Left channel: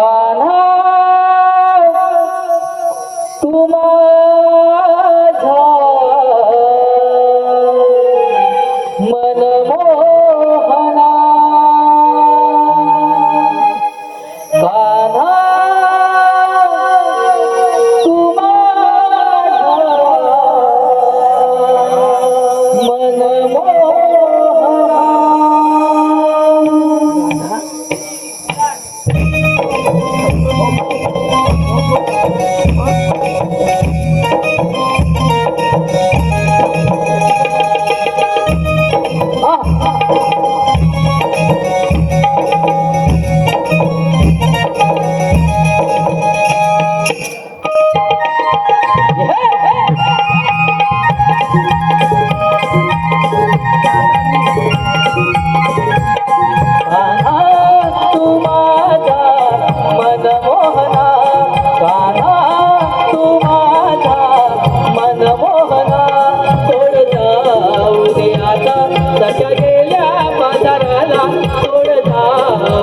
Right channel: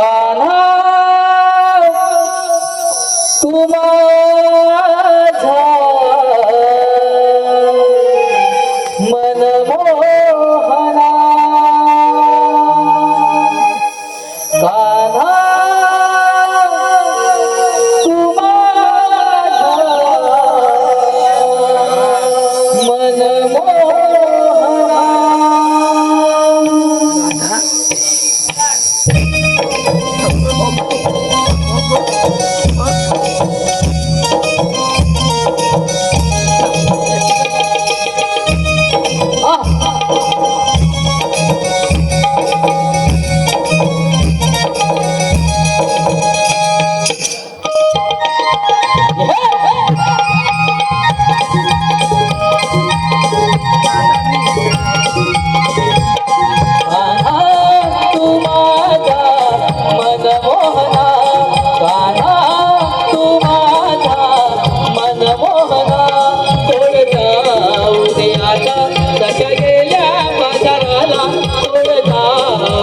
Oh no.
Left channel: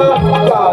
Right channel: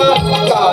Allah.